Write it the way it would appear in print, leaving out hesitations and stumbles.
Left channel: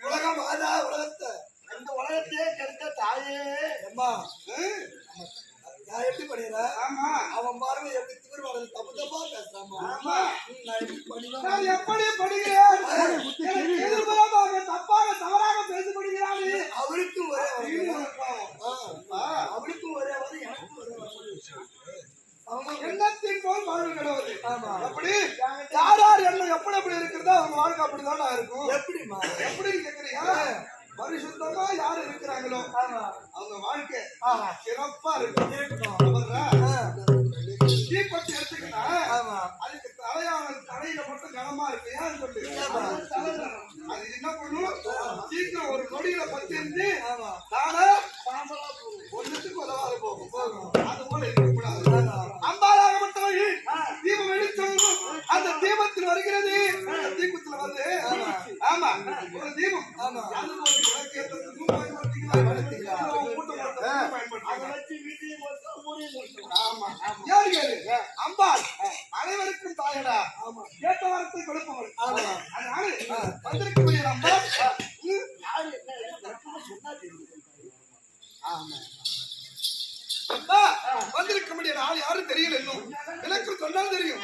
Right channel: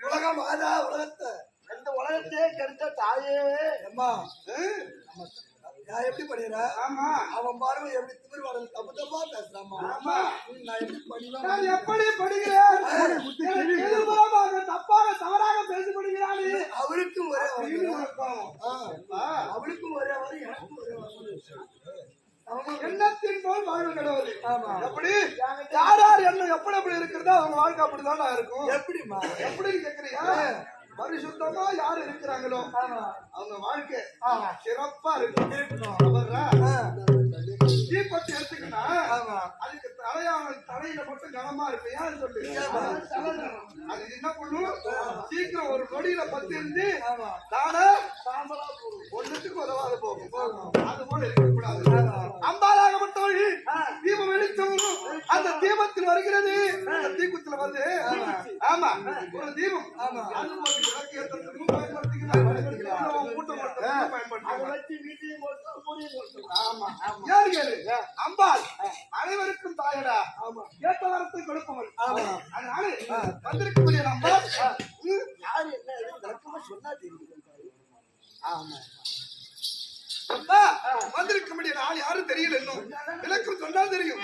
உலகம் ஆதா உலகத்தை இந்த உலகத்தையே கெடுத்த தாயே அம்மா நான் எப்படி பண்ணிடுற? ஆமா அவன் பார்வை எப்படி திமிர்வாடல் தப்பு தப்பா பேசுறாமா? ஆமா நான் எப்படி பண்ணிடுறேன்? நான் எப்படி பண்ணுகிறேன்? தப்பாக தவறாக பேசப்படுகிறான். அவருக்கும் ஒரே அவளுக்கும் ஒரே வரும் எனக்கும் ஒரே வரும். எண்ணத்தின் போல் வாழ்வு கடவுள். ஆமா எப்படி யார் யார் எண்ணம் எப்படி எப்படி இருக்கிறதோ அவங்க வாழ்க்கை அப்படிதான் இருக்கும். எப்படிமா எப்படின்னு கேக்குறீங்க? பரிசுத்தமா யாரு இருக்கிறாங்களோ அவங்க வாழ்க்கை சிறப்பா இருக்கணும். தீப்பத்தி எடுத்துக்கிட்டா அதுக்கு தலையில மட்டும் கனமா இருக்கு. ஏன்னு சொல்லு அது என்ன பண்ணும்? சீக்கிரம் ஒரு நொடியில பத்தி இருந்து தானே ஒன்னுத்துக்கு உதவாது போகும். அது போல இருக்கக்கூடாது. அம்பாலாகப்பட்டவள் தீபம் வெளிச்சம் அந்த தீபத்தில் வருகிறது. தீபத்துல வந்து ஆமா ஒரு தீபம் அது போல அம்பாள் அனைவருக்கும் தாயடா. கேட்ட வரத்தை கொடுப்பவள். அதனால வந்திருக்கக்கூடிய அம்பாள் யாரு என்ன சொன்னா தெரியும். ஆமா வந்திருக்க முடியாது ஆள் யாரும் தெரியல. இன்னும் எனக்கு சொன்னால் தெரியும்.